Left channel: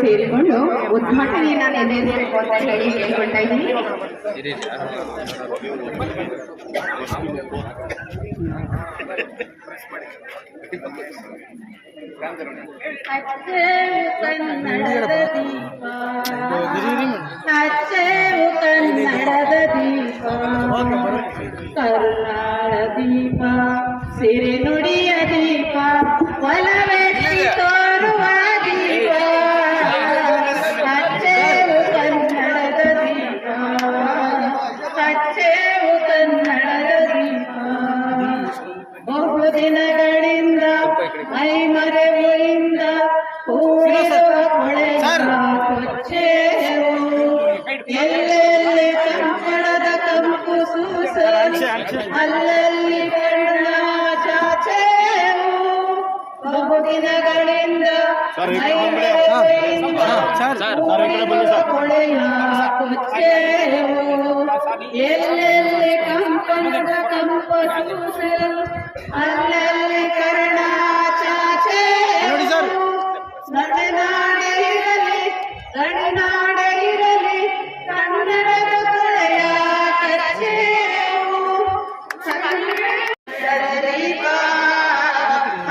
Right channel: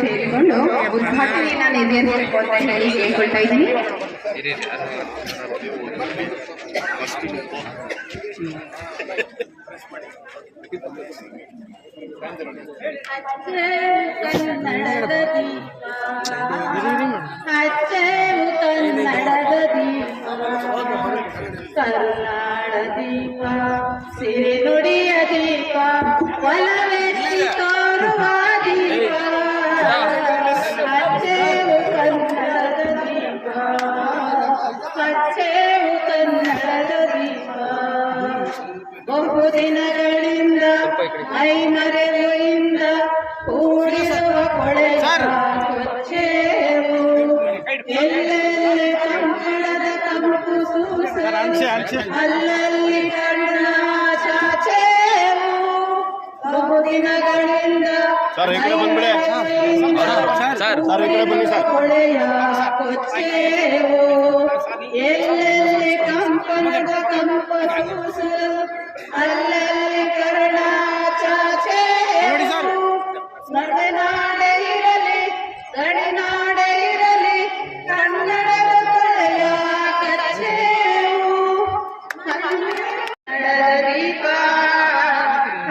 ಸೇರಿಕೊಂಡು ಉದ್ಘಾಟನೆಯನ್ನ ನೆರವೇರಿಸಬೇಕು ಅಂತ ಹೇಳಿ ಕೇಳ್ಕೊಳ್ತಾ ಇದ್ದೀನಿ. ಕನ್ನಡದ ದೀಪ, ಅಚ್ಚೇವು ಕನ್ನಡದ ದೀಪ, ಕರುನಾಡ ದೀಪ, ಸಿರಿ ನುಡಿಯ ದೀಪ, ಒಲವೆತ್ತಿ ತೋರುವ ದೀಪ, ಅಚ್ಚೇವು ಕನ್ನಡದ ದೀಪ, ಅಚ್ಚೇವು ಕನ್ನಡದ ದೀಪ. ಬಹುದಿನಗಳಿಂದ ಮೈ ಮರೆಯಿಂದ ಕೂಡಿರುವ ಕೊಳೆಯ ಕೊಚ್ಚೇವು, ಎಲ್ಲೆಲ್ಲಿ ಕಂಪಣದ ಕಂಪು ಸೂಸಲು ಅಲ್ಲಲ್ಲಿ ಕಣ್ಣ ಚಾಚೇವು. ಬಹುದಿನಗಳಿಂದ ಮೈ ಮರೆಯಿಂದ ಕೂಡಿರುವ ಕೊಳೆಯ ಕೊಚ್ಚೇವು, ಎಲ್ಲೆಲ್ಲಿ ಕಂಪಣದ ಕಂಪು ಸೂಸಲು ಅಲ್ಲಲ್ಲಿ ಕರ್ಣ ಚಾಚೇವು. ಮಲೆನಾಡೆ ಇರಲಿ ಗಡಿನಾಡೆ ಇರಲಿ ಕನ್ನಡದ ಕೊಳೆಯ ಕಚ್ಚೇವು, ಕನ್ನಡದ ದೀಪ,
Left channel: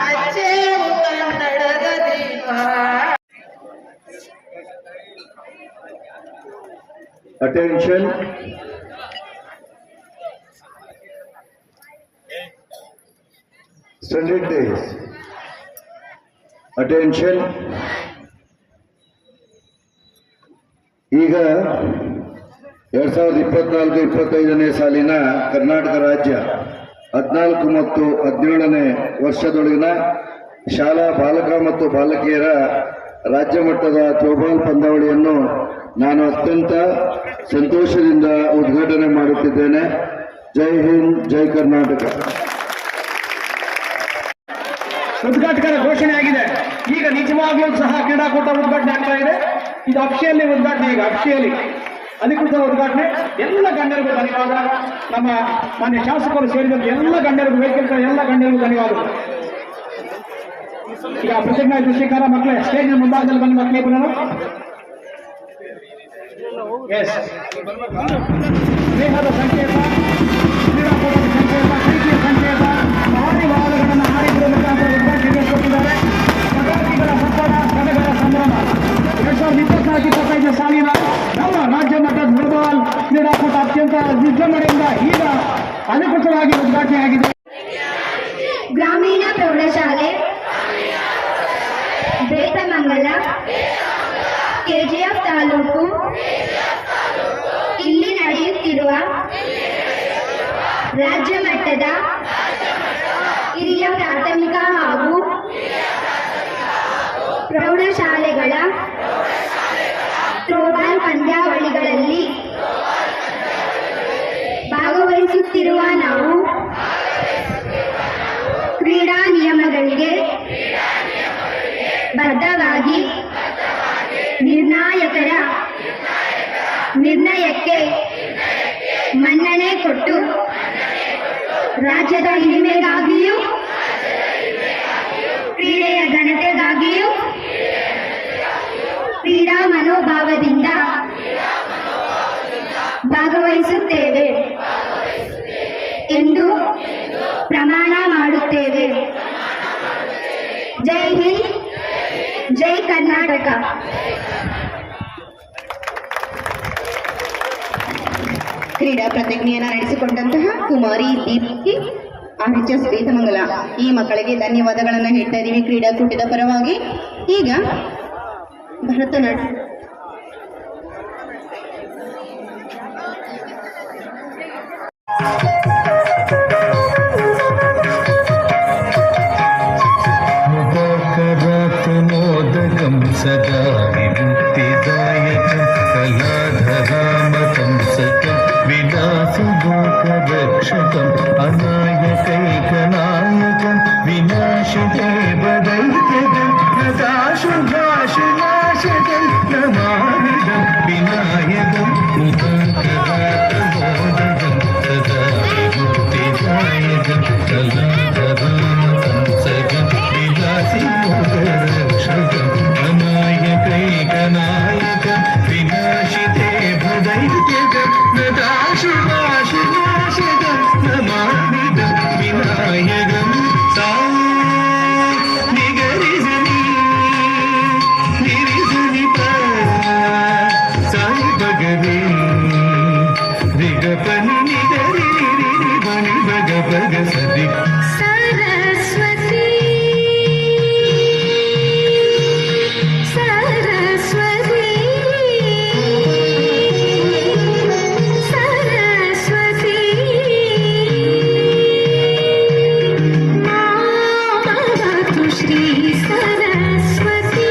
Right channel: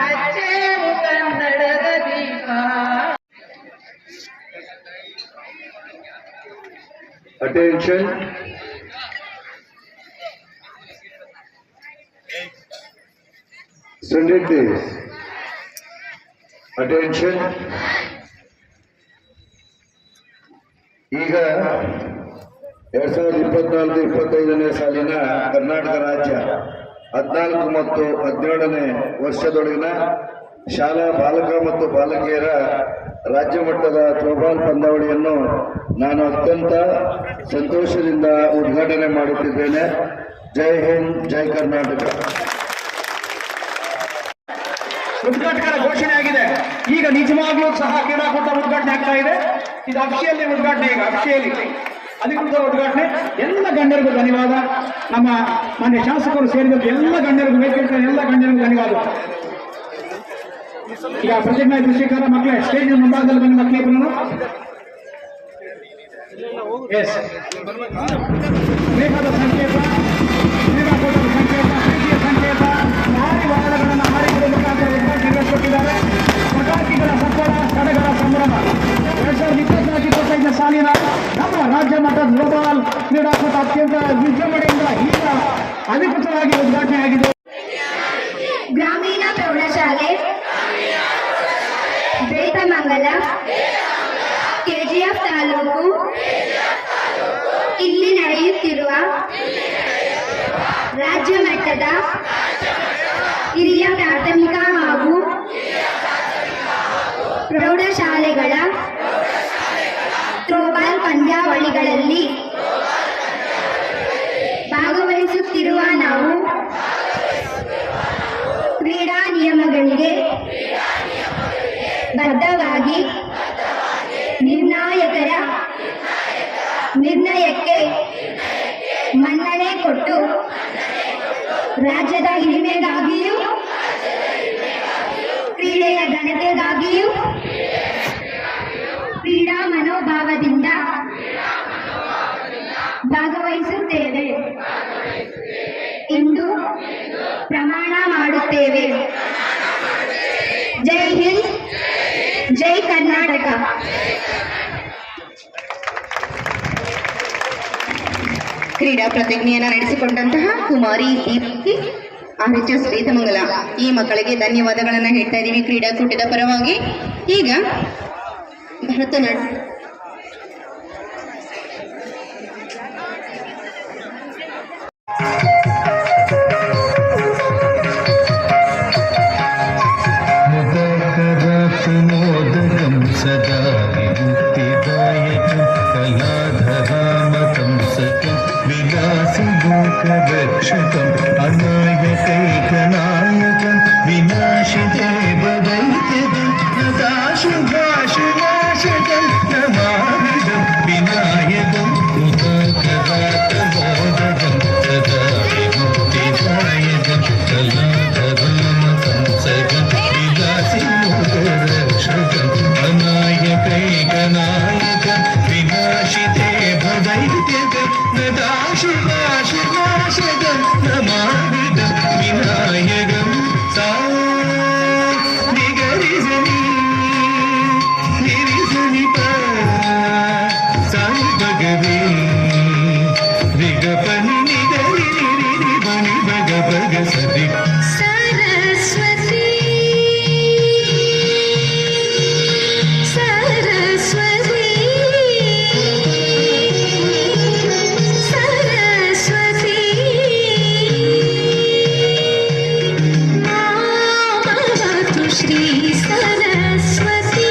ಹಚ್ಚೇವು ಕನ್ನಡದ ದೀಪ. Attention. Standard days. Attention. ಈಗ 2024-25ನೇ ಸಾಲಿನ ಕರ್ನಾಟಕ ರಾಜ್ಯ 14 ಮತ್ತು 17ನೇ ವರ್ಷದೊಳಗಿನ ಶಾಲಾ ಬಾಲಕ ಮತ್ತು ಬಾಲಕಿಯರ ರಾಜ್ಯ ಮಟ್ಟದ ಥ್ರೋಬಾಲ್ ಪಂದ್ಯಾವಳಿಯನ್ನು ನಾನು ಅತ್ಯಂತ ಸಂತೋಷದಿಂದ ಉದ್ಘಾಟನೆ ಮಾಡುತ್ತಿದ್ದೇನೆ. ಜೈ ಹಿಂದ್, ಜೈ ಕರ್ನಾಟಕ. ಉದ್ಘಾಟಕರ ಘೋಷಣೆ ಆಗಿದೆ. ಈಗ ನಿಜವಾಗ್ಲೂ ಸಹ ಕ್ರೀಡಾಕೂಟ ಉದ್ಘಾಟನೆ ಆಗ್ತಾ ಇದೆ. ಇದು ಅಕ್ಷಯಲ್ಲಿ ಉದ್ಘಾಟನೆ, ಈಗ ಅಕ್ಷಯಲ್ಲಿ ಅಧಿಕೃತ ಉದ್ಘಾಟನೆ. ಎಲ್ಲ ಗಣ್ಯರಿಗೂ ಧನ್ಯವಾದ. ನಮ್ಮ ಮಾನ್ಯ ಶಾಸಕರು ಸೇರಿದಂತೆ ಎಲ್ಲ ಗಣ್ಯರಿಗೂ, ವೇದಿಕೆ ಎಲ್ಲ ಗಣ್ಯರಿಗೂ ಧನ್ಯವಾದ. ಈಗ ಪ್ರತಿಜ್ಞಾ ಸ್ವೀಕಾರ ಮಕ್ಕಳೇ ಸ್ಟೇಜ್ ಮುಂಭಾಗದಲ್ಲಿ ಬಂದ ಮಕ್ಕಳೇ ಪುನಃ ಬೇಕಾದ ಸಂಕೇತ, ಕ್ರೀಡಾಕೂಟದ ಸಂಕೇತ, ಪ್ರೀತಿಯ ಸಂಕೇತ, ಆದಿವಾದಗಳನ್ನು ಹಾಡಿಗಳ ಮುಖಾಂತರ ನಿರ್ವಹಿಸುತ್ತಿದ್ದಾರೆ. ಪಟಾಕಿಗಳ ಹಬ್ಬದ ಸಡಗರ ಸಂಭ್ರಮ 2024-25ನೇ ಸಾಲಿನ ನಮ್ಮ ರಾಜ್ಯ ಮಟ್ಟದ ಥ್ರೋಬಾಲ್ ಕ್ರೀಡಾಕೂಟ ಅತ್ಯಂತ ವಿಜೃಂಭಣೆಯಿಂದ ಈಗ ಅಧಿಕೃತವಾಗಿ ಉದ್ಘಾಟನೆಯಾಗಿದೆ. ಗ್ರಾಮೀಣ ಪ್ರೌಢಶಾಲೆ ಬೇತಮಂಗಲ ಕೆಜಿಎಫ್ ತಾಲೂಕು ಇಲ್ಲಿ ನಡೆಯುತ್ತಿರುವ ರಾಜ್ಯ ಮಟ್ಟದ ಹಿರಿಯ ಪ್ರಾಥಮಿಕ ಹಾಗೂ ಪ್ರೌಢಶಾಲೆಗಳ ಥ್ರೋಬಾಲ್ ಪಂದ್ಯಾವಳಿಗಳಲ್ಲಿ ಭಾಗವಹಿಸುತ್ತಿರುವ ನಾವು ಕ್ರೀಡಾ ನಿಯಮಗಳಿಗೆ ಬದ್ಧವಾಗಿ ನಿರ್ಣಾಯಕರ ನಿರ್ಣಯಕ್ಕೆ ಮನ್ನಣೆ ಕೊಟ್ಟು ರಾಜ್ಯದ ಹಿರಿಮೆಗಾಗಿಯೂ ಕ್ರೀಡೆಯ ಘನತೆಗಾಗಿಯೂ ಕ್ರೀಡಾ ಮನೋಭಾವದಿಂದ ಭಾಗವಹಿಸುತ್ತೇವೆ ಎಂದು ಪ್ರಮಾಣ ಮಾಡುತ್ತೇವೆ. ಜೈ ಹಿಂದ್, ಜೈ ಕರ್ನಾಟಕ. ಕ್ರೀಡಾ ಪ್ರತಿಜ್ಞೆಯನ್ನು ನಡೆಸಿಕೊಂಡಂತಹ ಕುಮಾರಿ ದೀಪ್ತಿ RHS ಬೇತಮಂಗಲ ಈ ಮಕ್ಕಳಿಗೆ ಧನ್ಯವಾದಗಳನ್ನು ಹೇಳ್ತಾ ಇದ್ದೀವಿ ಕ್ರೀಡಾಕೂಟದ ಪರವಾಗಿ. ಈಗ ಭರತನಾಟ್ಯ मोदकं सदा विमुक्तिदायकं कलाधरामकं सकं विलासलोकरक्षकम् अनायकैकनायकं विनाशदेवदैत्यदं नदाशुभाशुनाशकं नमामिदं विनायकं मुदाकरातमोदकं सदा विमुक्तिदायकं कलाधरामकं सकं विलासलोकरक्षकम् अनायकैक ಗೌರಿ ಸರಸ್ವತಿ ಸರಸ್ವತಿ ಸರಸ್ವತಿ ಮಾಮವತು ಶ್ರೀ ಸರಸ್ವತಿ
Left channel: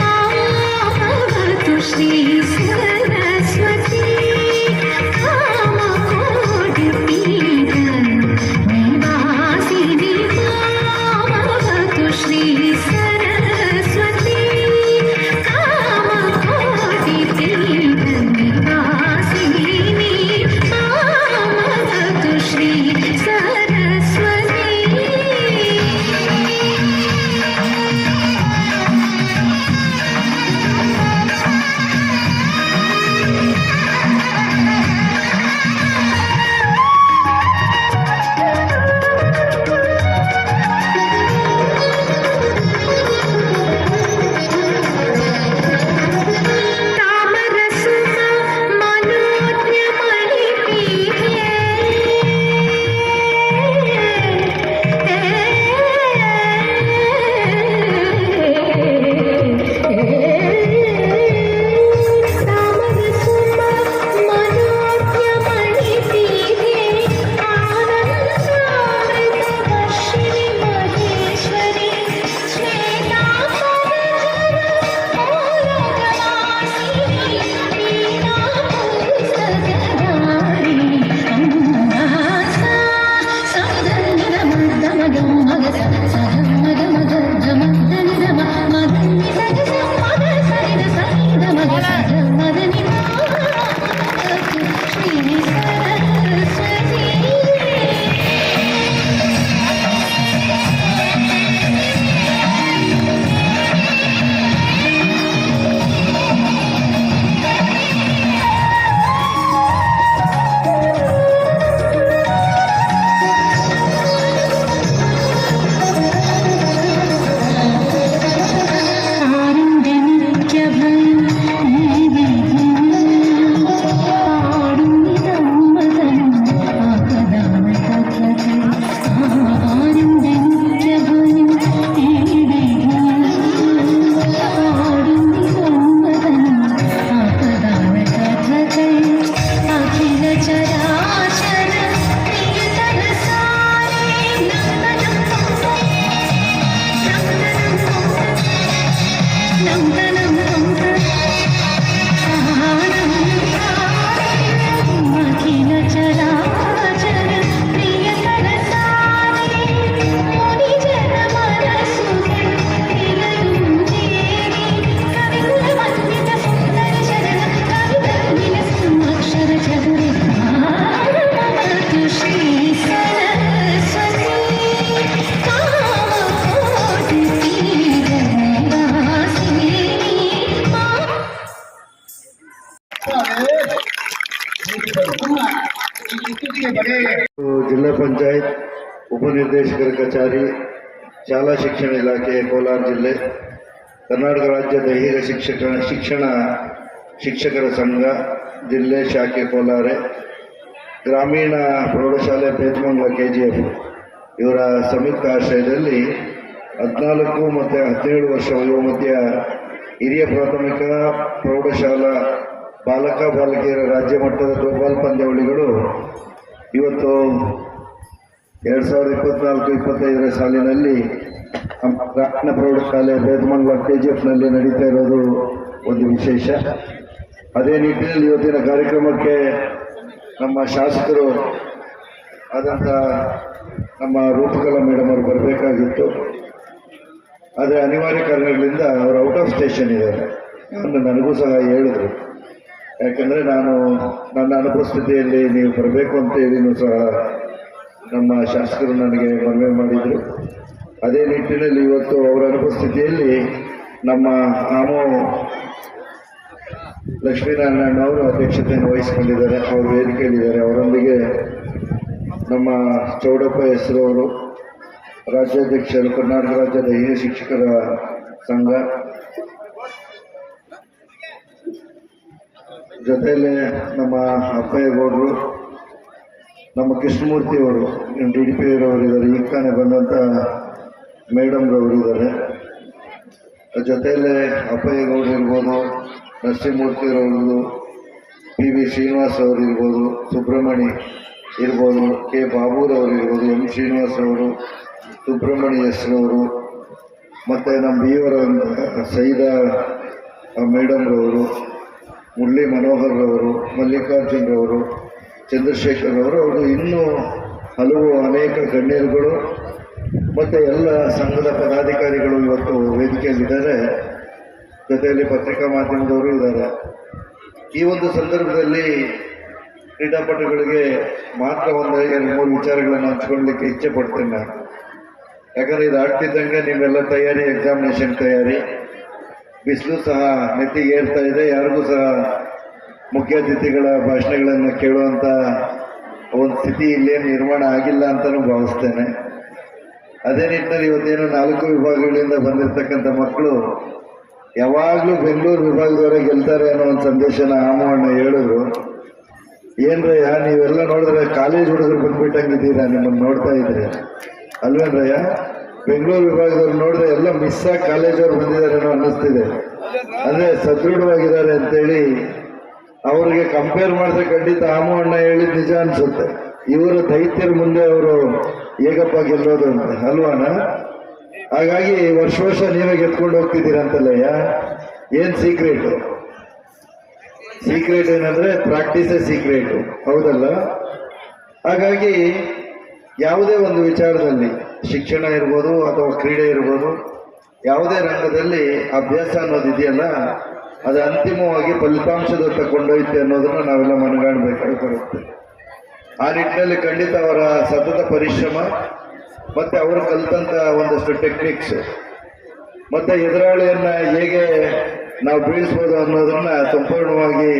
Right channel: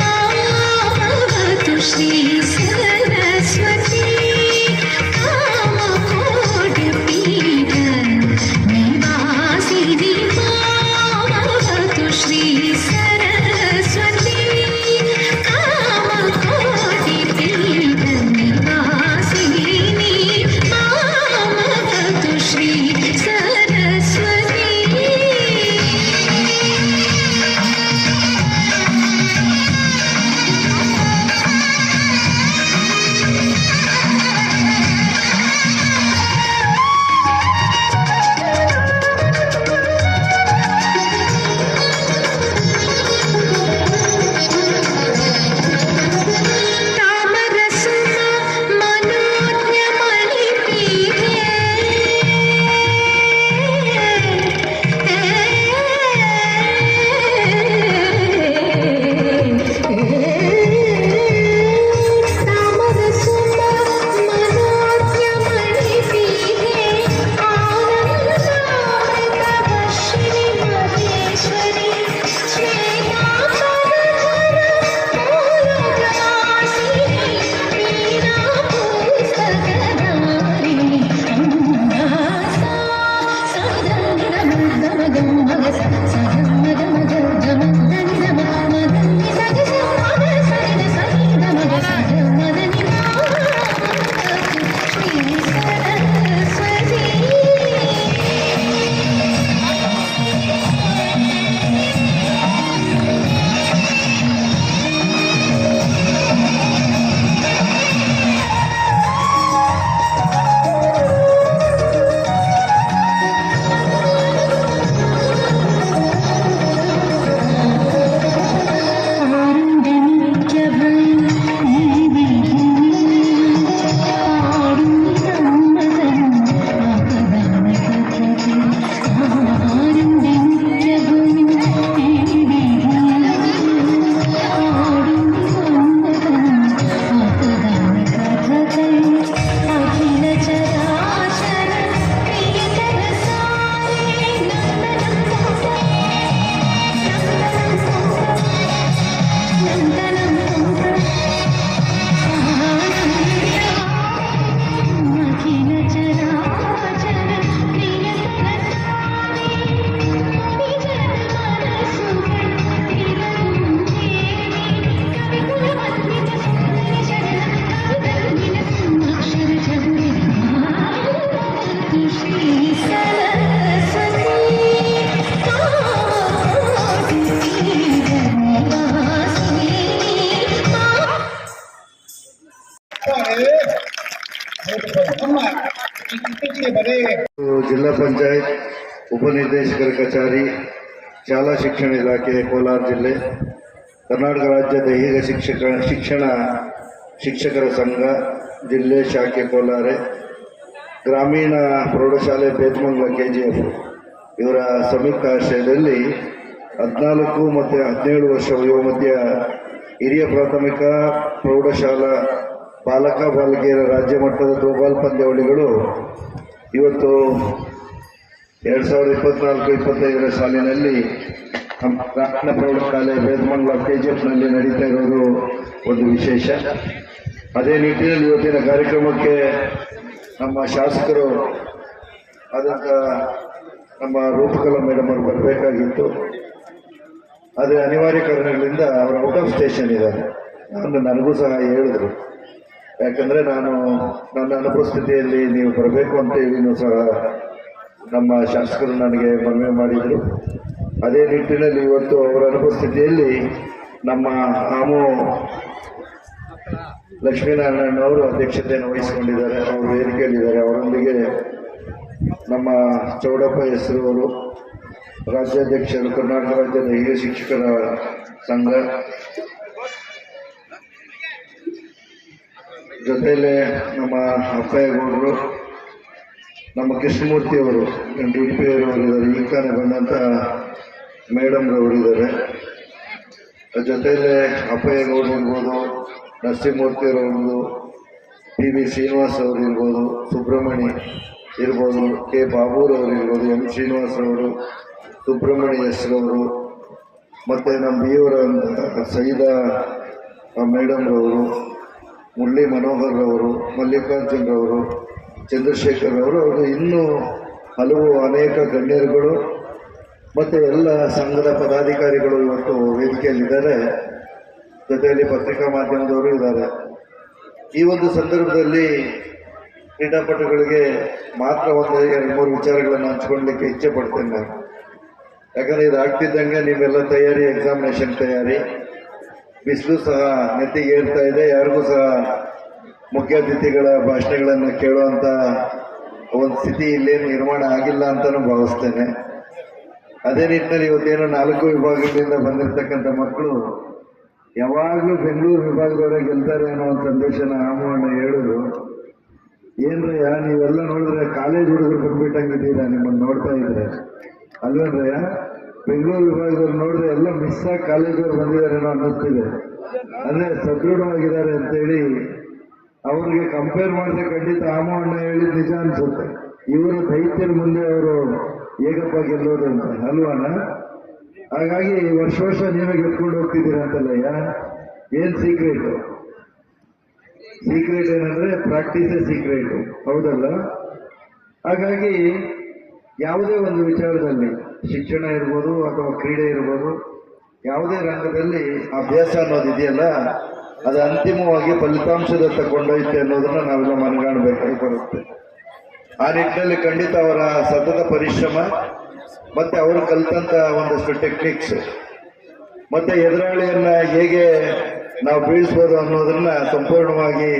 ಮಾಮವತು ಶ್ರೀ ಸರಸ್ವತಿ ಕಾಮಕೋಟಿ ಪೀಠ ನಿವಾಸಿನಿ ಮಾಮವತು ಶ್ರೀ ಸರಸ್ವತಿ ಕಾಮಕೋಟಿ ಪೀಠ ನಿವಾಸಿನಿ ಮಾಮವತು ಶ್ರೀ ಸರಸ್ವತಿ ತಾಮರಸುಮ ಮನೋಜ್ಞಮಣಿ ಪೀಠೆ ತಾಮರಸುಮ ಮನೋಜ್ಞಮಣಿ ಪೀಠೆ ಆನಂದಾಮೃತ ವರ್ಷಿಣಿ ಮಹೇಶ್ವರಿ ಅಖಿಲ ಚರಾಚರ ಪ್ರಿಯತನ ಸಾರೆ ನಂದನಂ ಪಂಪ ನಂದನಂ ಪಂಪ ಅಖಿಲ ಚರಾಚರ ಪ್ರಿಯತನ ಸಾರೆ ಮುನಿ ಜನ ಮನಸುಗೆ ನಿಲಯಂ ದೇವಿ ಕವಿಕುಲ ವಂದಿತ ಸುಂದರಿ ಶರಣ ಕವಿತರುಣಿನ ಅಕ್ಷರ ಚದುರಿ ಮಾಮವತು ಶ್ರೀ ಸರಸ್ವತಿ ಕಾಮಕೋಟಿ ಪೀಠ ನಿವಾಸಿನಿ ಜಿಲ್ಲಾ ಪಂಚಾಯತ್ ಉಪನಿರ್ದೇಶಕರ ಕಚೇರಿ ಶಾಲಾ ಶಿಕ್ಷಣ ಇಲಾಖೆ ಕೋಲಾರ ಜಿಲ್ಲೆ ಕರ್ನಾಟಕ ರಾಜ್ಯ ದೈಹಿಕ ಶಿಕ್ಷಕರ ಸಂಘ ಜಿಲ್ಲೆ ಶಾಖೆ ಕೋಲಾರ ಗ್ರಾಮೀಣ ಪ್ರೌಢಶಾಲೆ ಬೇತಮಂಗಲ KGF ಇವರ ಸಂಯುಕ್ತ ಆಶ್ರಯದಲ್ಲಿ 14 ಮತ್ತು 17 ವರ್ಷ ವಯೋಮಧ್ಯ ಹಿರಿಯ ಪ್ರಾಥಮಿಕ ಪ್ರೌಢಶಾಲಾ ಬಾಲಕ ಬಾಲಕಿಯರ ರಾಜ್ಯ ಮಟ್ಟದ ಥ್ರೋಬಾಲ್ ಪಂದ್ಯಾವಳಿಗಳು ಇವತ್ತು 2024-25ನೇ ಸಾಲಿನಲ್ಲಿ ನಮ್ಮ ಗ್ರಾಮೀಣ ಪ್ರೌಢಶಾಲೆ ಬೇತಮಂಗಲ KGFನಲ್ಲಿ ನಡೀತಾ ಇರೋದು ಒಂದು ವಿಶೇಷ. ಅದೇ ನಿಟ್ಟಿನಲ್ಲಿ ಇವತ್ತಿನ ಕಾರ್ಯಕ್ರಮಕ್ಕೆ ನಮ್ಮ ಶಾಸಕರು ಆದಂಥ ನಮ್ಮ ರೂಪಕಲಾ ಮೇಡಮ್ ಅವರು ಬರಬೇಕಾಗಿತ್ತು. ಆದರೆ ಅನಿವಾರ್ಯ ಕಾರಣಗಳಿಂದ ಅವರು ಔಟ್ ಆಫ್ ಸ್ಟೇಷನ್ ಇದ್ದಾರೆ. ನನಗೂ ಸಹ ಹೇಳಿದರು, ಯಾಕಂದರೆ ನನ್ನ ಅನುಪಸ್ಥಿತಿಯಲ್ಲಿ ನೀವು ಬರಬೇಕು ಅಂತ ಹೇಳಿನೂ ಸಹ ನಮ್ಮ ಶಾಸಕರು ನನಗೆ ಮನವಿ ಮಾಡಿದರು. ಅದೇ ನಿಟ್ಟಿನಲ್ಲಿ ಇವತ್ತು ಅವರ ಅನುಪಸ್ಥಿತಿಯಲ್ಲಿ ನಮ್ಮ ಆಮು ಲಕ್ಷ್ಮೀನಾರಾಯಣ ಅವರು ಅಧ್ಯಕ್ಷತೆಯನ್ನು ವಹಿಸಿಕೊಂಡಿದ್ದಾರೆ. ಅವರು ವೇದಿಕೆಯಲ್ಲಿದ್ದಾರೆ. ಅವರೊಂದಿಗೆ ನಮ್ಮ ಚೌಡಪ್ಪ ಹೆಸರವರು ರಾಜ್ಯಾಧ್ಯಕ್ಷರು, ಕರ್ನಾಟಕ ರಾಜ್ಯದ ಹಿರಿಯ ಶಿಕ್ಷಕರ ಸಂಘ, ಜೊತೆಯಲ್ಲೇ ನಮ್ಮ ಅಪ್ಪಯ್ಯಗೌಡರು, ನಮ್ಮ ಕೃಷ್ಣಮೂರ್ತಿ ಅವರು DDP ಅವರು ಇದ್ದಾರೆ, ಈಗ ತಾನೇ ಬಂದಂಥ ಮೇಡಮ್ ಅವರು ಇದ್ದಾರೆ. ಜೊತೆಯಲ್ಲೇ ಅಪ್ಪಯ್ಯಗೌಡರು ಇರ್ಬೋದು, ನರಸಿಂಹಮೂರ್ತಿ ಅವರು ಇರ್ಬೋದು, PV ಶ್ರೀನಿವಾಸ್ ಅವರು ಇರ್ಬೋದು, ಸುಬ್ರಹ್ಮಣ್ಯ ಇರ್ಬೋದು, K ಬಾಬೂರವರು ಇರ್ಬೋದು, M ಶ್ರೀನಿವಾಸ್ ಅವರು, ಸುಬ್ರಹ್ಮಣ್ಯ ಎಸ್ ಅವರು, ಮತ್ತು ನಮ್ಮ Bವರ ಸೈದಾ ಮೇಡಮ್ ಅವರು, ಮುರಳಿ ಮನೋಹರ್ ಅವರು, ಮಲ್ಲಿಕಾರ್ಜುನ್ ಅವರು, ಚಂದ್ರಶೇಖರ್ ಅವರು, ಇನ್ನೂ ಹಲವು ಅನೇಕ ಗಣ್ಯರುಗಳು ಮತ್ತು ಎಲ್ಲ ಸಂಘದ ಪದಾಧಿಕಾರಿಗಳು ಇವತ್ತು ವೇದಿಕೆಯಲ್ಲಿದ್ದಾರೆ. ಜೊತೆಯಲ್ಲಿ ಪತ್ರಿಕಾ ಮಾಧ್ಯಮದವರು ಇದ್ದಾರೆ. ಈ ಒಂದು ಸಂದರ್ಭದಲ್ಲಿ ಕ್ರೀಡಾಪಟುಗಳಿಗೆ ಮಾತ್ರ ಒಂದು 2-3 ವಿಚಾರಗಳನ್ನು ಹಂಚ್ಕೊಳ್ಳಲಿಕ್ಕೆ ಇಚ್ಛೆ ಪಡ್ತೇನೆ ನಾನು. ಯಾಕಂದರೆ ಇದು ಆಗ್ತಿದ್ದಂಗೆ ನೀವೆಲ್ಲ ತಯಾರಿ, ಎಕ್ಸಾಮಿನೇಷನ್ ತಯಾರಿ, ಬಿಸಿಲು ಸಹ ನೆತ್ತಿಗೆ ಏರ್ತಾ ಇದೆ. ಯಾರಿಗೂ ಸಹ ಮುಖ್ಯ ಅತಿಥಿಗಳ ಭಾಷಣಗಳನ್ನು ಕೇಳುವಂಥ ಒಂದು ಸ್ಥಿತಿ ಇಲ್ಲೇನು ನಿರ್ಮಾಣ ಆಗಿಲ್ಲ ಅಂತಲೂ ಭಾವಿಸ್ತೇನೆ. ಅದೇ ನಿಟ್ಟಿನಲ್ಲಿ ಇವತ್ತೇನು 4 ವಿಭಾಗಗಳಿಂದ ಬಂದಿರತಕ್ಕಂಥ ಮಕ್ಕಳು ಯಾವಾಗಲೂ ಬೆಂಗಳೂರು ವಿಭಾಗದವರೇ ಗೆಲ್ತಾರೆ ಅನ್ನೋ ಒಂದು ಸಂದೇಶನ ಆಮಣ್ಣ ಹೇಳಿದ್ರು. ಏನ್ರಯ್ಯ ನೀವೆಲ್ಲ ನೋಡಿದ್ರೆ ಕಾಲೇಜ್ ಹುಡುಗರು ಬಂದ್ಬಿಟ್ಟಂಗಿದ್ದೀರಾ, ನಿಮ್ಮನ್ನು ನೋಡ್ತಾ ಇದ್ರೆ ಅಲ್ವೇನ್ರಯ್ಯ? ಬೆಂಗಳೂರು ವಿಭಾಗದವ್ರು ನೋಡಿದ್ರೆ ಎಲ್ಲ ಮಿಸ್ ಆಗಿ ಕಾಲೇಜವ್ರು ಬಂದಿದ್ದಾರೇನೋ ಅನ್ನಿಸ್ತಿದೆ. ಅಂದರೆ ಸದೃಢವಾಗಿದ್ದಾರೆ ಅಂತೇಳಿ ಅವ್ರಿಗೆ ಕಂಪೇರ್ ಮಾಡಿದ್ರೆ ಖಂಡಿತ ಆಮಣ್ಣ ಹೇಳಿದ್ ನಿಜ ಅನ್ಸುತ್ತೆ. ಇವರ ದೈತ್ಯರ ಮುಂದೆ ಅವರು ಹೇಗಪ್ಪ ಗೆಲ್ಲೋದು ಅಂತ ಅಲ್ವಾನ? ಹಾಗಾಗಿ ವರ್ಷ ನೀವೇ ಗೆದ್ಕೊಂಡು ಹೋಗ್ತಿದ್ದೀರಂತಲ್ಲಯ್ಯ. ಏನ್ ಸೀಕ್ರೆಟು? ಸೀಕ್ರೆಟ್ ಏನಂದ್ರೆ ಪ್ರಾಕ್ಟೀಸೇ ಸೀಕ್ರೆಟು, ಹೌದಲ್ಲ? ಹಾಗಾಗಿ ಯಾವುದೇ ಒಂದು ವಿಚಾರದಲ್ಲಿ, ಶಿಕ್ಷಣ ಇರ್ಬೋದು ಅಥವಾ ಕ್ರೀಡೆ ಇರ್ಬೋದು, ಯಾವುದೇ ರಂಗದಲ್ಲಿ ಅಭ್ಯಾಸ ಅನ್ನೋದು ಇದೆಯಲ್ಲ, ಅದು ಅಂತಿಮವಾಗಿ ಫಲಿತಾಂಶದತ್ತ ಕೊಂಡೊಯ್ತೆ ಅನ್ನೋದನ್ನ ನಾವೆಲ್ಲ ಮನಗಾಣಬೇಕಾಗಿ ಬರುತ್ತೆ. ಆ ನಿಟ್ಟಿನಲ್ಲಿ ಖಂಡಿತ ಅವರ ಸತತ ಪರಿಶ್ರಮ ಮತ್ತೆ ಅವರು ಕಲಿತಂತ ಒಂದಷ್ಟು ಟೆಕ್ನಿಕ್ಸ್ ಮತ್ತೆ ಎದುರಾಳಿಯನ್ನ ಹೇಗೆ ನಾವು ಬೀಳಿಸ್ಬೋದು ಅನ್ನೋದನ್ನ ಸಂಪೂರ್ಣವಾಗಿ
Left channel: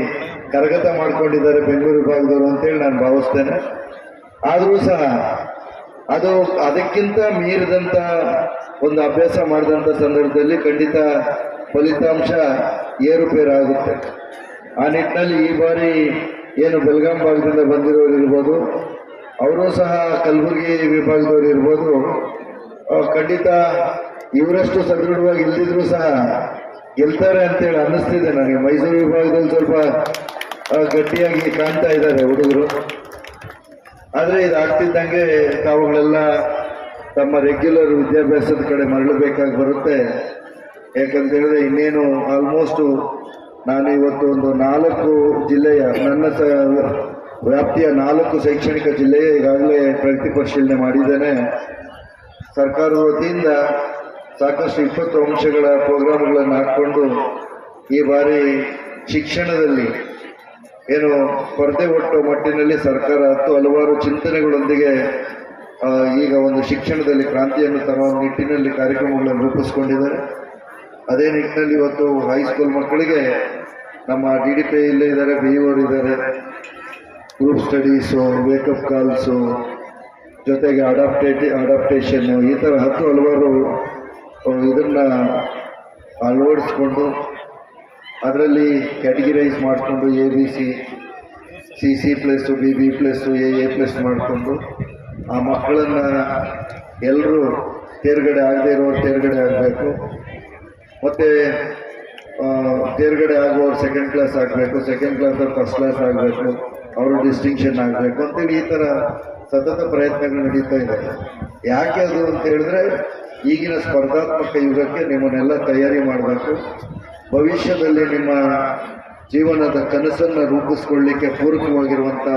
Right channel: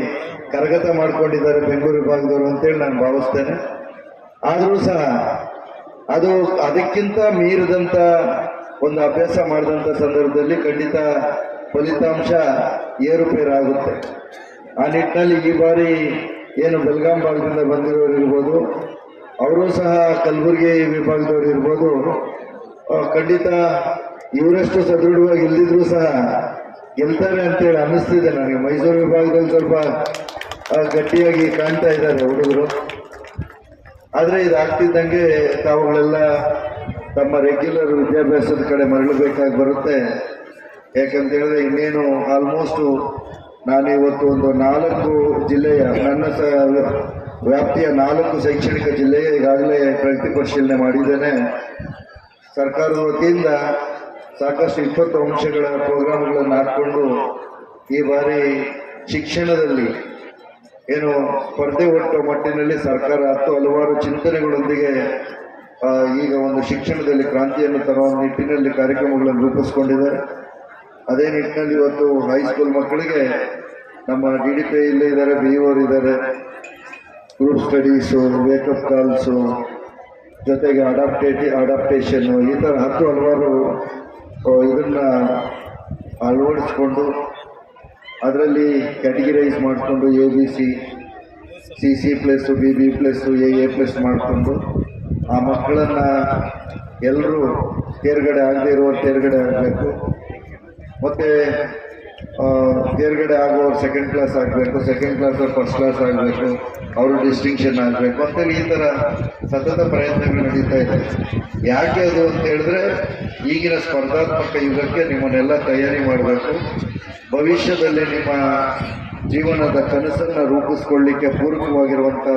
ಕರಗತ ಮಾಡ್ಕೊಂಡಿದ್ದಾರೆ ಬೆಂಗಳೂರು ವಿಭಾಗದವರು ಅಂತೇಳಿ ನಾನು ಭಾವಿಸ್ತೇನೆ. ಆದರೂ ಸಹ ಅದು ಅದಕ್ಕಿಂತ ಮೀರಿದಂಥ ಒಂದು ಅಭ್ಯಾಸ ಮಾಡಿದಂಥ ಸಂದರ್ಭದಲ್ಲಿ ಖಂಡಿತ ಫಲಿತಾಂಶ ಏರುಪೇರಾಗುತ್ತೆ. ಆ ನಿಟ್ಟಿನಲ್ಲಿ ಈ ಬಾರಿ ಏನು ಬೆಳಗಾಂ ಭಾಗದಿಂದ ಬಂದಿರೋರು ಇರ್ಬೋದು, ಅವರು ಸಹ ಕಲಬುರಗಿ ವಿಭಾಗದವರು ಇರ್ಬೋದು, ಖಂಡಿತ ಇವರಷ್ಟು ಸದೃಢವಾಗಿ ಇಲ್ದಿದ್ರು ಸಹ ಗೆಲ್ತಾರೆ ಅಂತೇಳಿ ಅನ್ನಿಸ್ತಿದೆ ನನಗೆ. ಮೈಸೂರು ವಿಭಾಗದಲ್ಲಿ ಸ್ವಲ್ಪ ಗಟ್ಟಿಯಾಗಿ ಕಾಣ್ತಾ ಇದ್ದಾರೆ ಹುಡುಗರು. ಆದರೆ ಇದಾಗ್ತಿದ್ದಂಗೆ ತಾವುಗಳೆಲ್ಲ ತಮ್ಮ ರೆಗ್ಯುಲರ್ ವಿದ್ಯಾಭ್ಯಾಸದ ಕಡೆ ಮರಳಬೇಕಾಗಿ ಬರುತ್ತೆ. ಯಾಕಂತೇಳಿದ್ರೆ ಇನ್ನೇನು ಆಲ್ಮೋಸ್ಟು ನಾನು ಇವತ್ತು ಒಂದು 4 ಜಿಲ್ಲೆಯ, ನನ್ನ ವ್ಯಾಪ್ತಿಯ 4 ಶೈಕ್ಷಣಿಕ ಜಿಲ್ಲೆಯ ಈಗಾಗಲೇ ಪ್ರಗತಿ ಪರಿಶೀಲನೆ ಮಾಡಿದ್ದೇನೆ. ಸರ್ಕಾರದ ವತಿಯಿಂದ ಸಾಕಷ್ಟು 20 ಅಂಶಗಳ ಪ್ರೋಗ್ರಾಮ್ಗಳನ್ನು ಹಾಕ್ಕೊಂಡು ಈ ಬಾರಿ ಶಿಕ್ಷಣದಲ್ಲಿ ಏನು ಸ್ಪರ್ಧೆ ಒಟ್ಟು ಮಟ್ಟಿನಲ್ಲಿ ಸರ್ಕಾರ ಹಲವಾರು ಚಿಂತನೆಗಳೊಂದಿಗೆ ಈಗ ಒಂದು ಶಿಕ್ಷಣದಲ್ಲಿ ಕ್ರಾಂತಿಯನ್ನು ತರುವ ನಿಟ್ಟಿನಲ್ಲಿ ಕಾರ್ಯಕ್ರಮಗಳನ್ನು ರೂಪಿಸ್ಕೊಂಡಿದ್ದಾರೆ. ಅದೇ ನಿಟ್ಟಿನಲ್ಲಿ ಇವತ್ತು ಹೈಸ್ಕೂಲ್ ಮಕ್ಕಳಿಗೆ ನಮ್ಮ DDP ಇಲ್ಲೇ ಇದ್ದಾರೆ, BO ಇದ್ದಾರೆ, ಗ್ರೂಪ್ ಸ್ಟಡೀಸು, ವೇಕಪ್ ಕಾಲ್ಸು, ಜೊತೆಗೆ ಅಡಾಪ್ಟೇಷನ್ನು, ಈ ಥರ ಹಲವಾರು ಇದನ್ನು ಅಳವಡಿಸ್ಕೊಂಡು ಅದರಲ್ಲಿ ಕ್ಯಾಟಗಿರೈಸ್ ಮಾಡಿಕೊಂಡು ABC, CC+, BB+, AA+ ಮಾಡಿಕೊಂಡು ಆ ಮಕ್ಕಳನ್ನು ಎಲ್ಲರೂ ತೇರ್ಗಡೆ ಆಗದೇ ಇರೋರು ತೇರ್ಗಡೆ ಆಗಬೇಕು, ಮತ್ತು ತೇರ್ಗಡೆ ಆಗುವವರು ಸೆಕೆಂಡ್ ಕ್ಲಾಸ್ ಆಗಬೇಕು, ಸೆಕೆಂಡ್ ಕ್ಲಾಸ್ ಫಸ್ಟ್ ಕ್ಲಾಸ್ ಆಗಬೇಕು, ಅವರು ಡಿಸ್ಟಿಂಕ್ಷನ್ ಆಗಬೇಕು ಅಂತೇಳಿ ಈ ಥರ ಸತತ ಪ್ರಯತ್ನಗಳು ನಡೀತಾ ಇದೆ. ಯಾಕೆ ಅದು ಅಂತ ಹೇಳಿದ್ರೆ ಈಗಿನ ಸ್ಪರ್ಧಾತ್ಮಕ ಯುಗಕ್ಕೆ ನಿಮ್ಮನ್ನೆಲ್ಲ ತಯಾರಿ ಮಾಡಬೇಕು. ಭವಿಷ್ಯದಲ್ಲಿ ನಿಮ್ಮ ಜೀವನದ ಕನಸನ್ನು ರೂಪಿಸ್ಕೊಳ್ಳಿಕ್ಕೆ ಪೂರಕವಾಗಿರುವಂಥ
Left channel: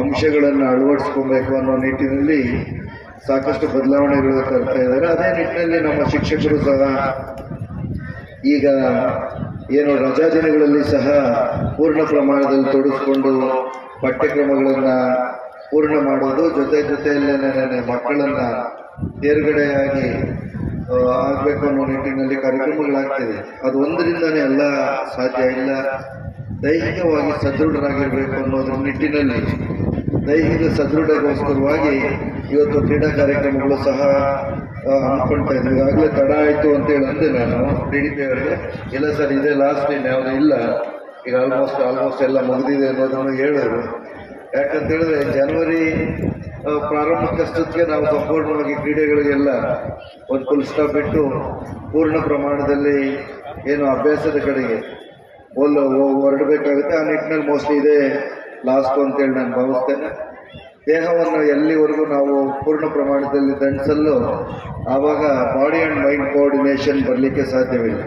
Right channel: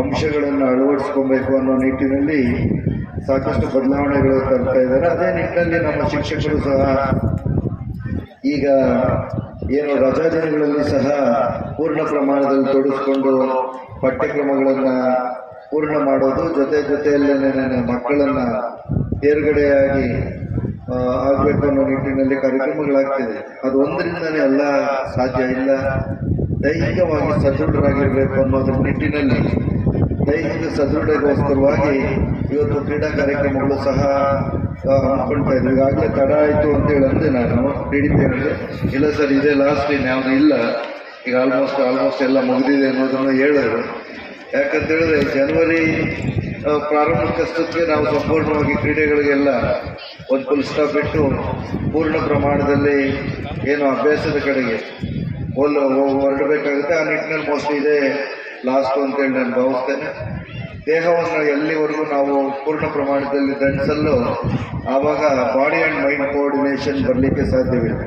ಅಂಶಗಳನ್ನು ಅಳವಡಿಸ್ಕೊಬೇಕು ಅನ್ನೋ ನಿಟ್ಟಿನಲ್ಲಿ ಸಾಕಷ್ಟು ಬದಲಾವಣೆಗಳು ತರ್ತಾ ಇದ್ದಾರೆ. ಅದೇ ನಿಟ್ಟಿನಲ್ಲಿ ನಮ್ಮ ಶಿಕ್ಷಕರು ಸಹ ಈಗ ಏನು ರಜಾ ದಿನಗಳಲ್ಲಿ ಸಹ ಪೂರ್ಣ ಪ್ರಮಾಣದಲ್ಲಿ ತೊಡಗಿಸ್ಕೊಂಡು ಪಠ್ಯಕ್ರಮಗಳನ್ನು ಪೂರ್ಣ ಮಾಡೋದು, ಜೊತೆಯಲ್ಲಿ ಮಕ್ಕಳನ್ನು ತೇರ್ಗಡೆಯಾಗಿ ಆಗಬೇಕು ಅನ್ನೋ ನಿಟ್ಟಿನಲ್ಲಿ ಕಾರ್ಯಕ್ರಮಗಳಾಗ್ತಿದೆ. ಅದು ಒಂದರಿಂದನೇ ಎಲ್ಲ ಸಾಧ್ಯ ಇಲ್ಲ. ದೈಹಿಕವಾಗಿ ಸದೃಢರಾಗಿರಬೇಕು ಅನ್ನೋದ್ರ ನಿಟ್ಟಿನಲ್ಲಿ ದೈಹಿಕ ಸದೃಢಗೋಸ್ಕರವಾಗಿ ಇವತ್ತು ಕ್ರೀಡಾ ಕಾರ್ಯಕ್ರಮಗಳು ಸಹ ಹಮ್ಮಿಕೊಳ್ತಾ ಇದ್ವಿ. ಈಗಾಗಲೇ ತಡ ಆಯಿತು ಅಂತೇಳಿ ಅಂದೆ ನಾನು DDP ಅವರಿಗೆ. ಇಲ್ಲ ಸರ್, ಇದೇ ಲಾಸ್ಟ್ ಇನ್ ಯಾವುದು ಇಲ್ಲ, ಈಗ ಆಲ್ಮೋಸ್ಟ್ ಎಲ್ಲ ಮುಗಿದಿದೆ ಅನ್ನೋದನ್ನು ಹೇಳಿದ್ರು. ಯಾಕಂತೇಳಿದ್ರೆ ಜನವರಿ ಪ್ರಾರಂಭಕ್ಕಷ್ಟಕ್ಕೆ ನಾವು ಸಂಪೂರ್ಣವಾಗಿ ಕ್ರೀಡೆಗಳಿಗೆಲ್ಲ ಒಂದು ಫುಲ್ ಸ್ಟಾಪ್ ಇಟ್ಟು ಪೂರ್ಣ ಪ್ರಮಾಣದಲ್ಲಿ ಏನು ಅಭ್ಯಾಸದ ಕಡೆಗೆ ಹೊರಡಬೇಕಾಗುತ್ತೆ. ಆ ನಿಟ್ಟಿನಲ್ಲಿ ಮೋಸ್ಟ್ಲಿ ಇದೆ ಲಾಸ್ಟ್ ಅಂತೇಳಿ ನಾನು ಭಾವಿಸ್ತೇನೆ. ದೇಹವನ್ನು ಎಲ್ಲಿವರೆಗೂ ನಾವು ಪೂರ್ಣ ಪ್ರಮಾಣದಲ್ಲಿ ದಂಡಿಸಲು ಆವಾಗ ಬಾಡಿ ಆ್ಯಂಡ್ ಮೈಂಡ್ ಕೋಆರ್ಡಿನೇಷನ್ ಬರಲಿಕ್ಕೆ ಸಾಧ್ಯವಿಲ್ಲ.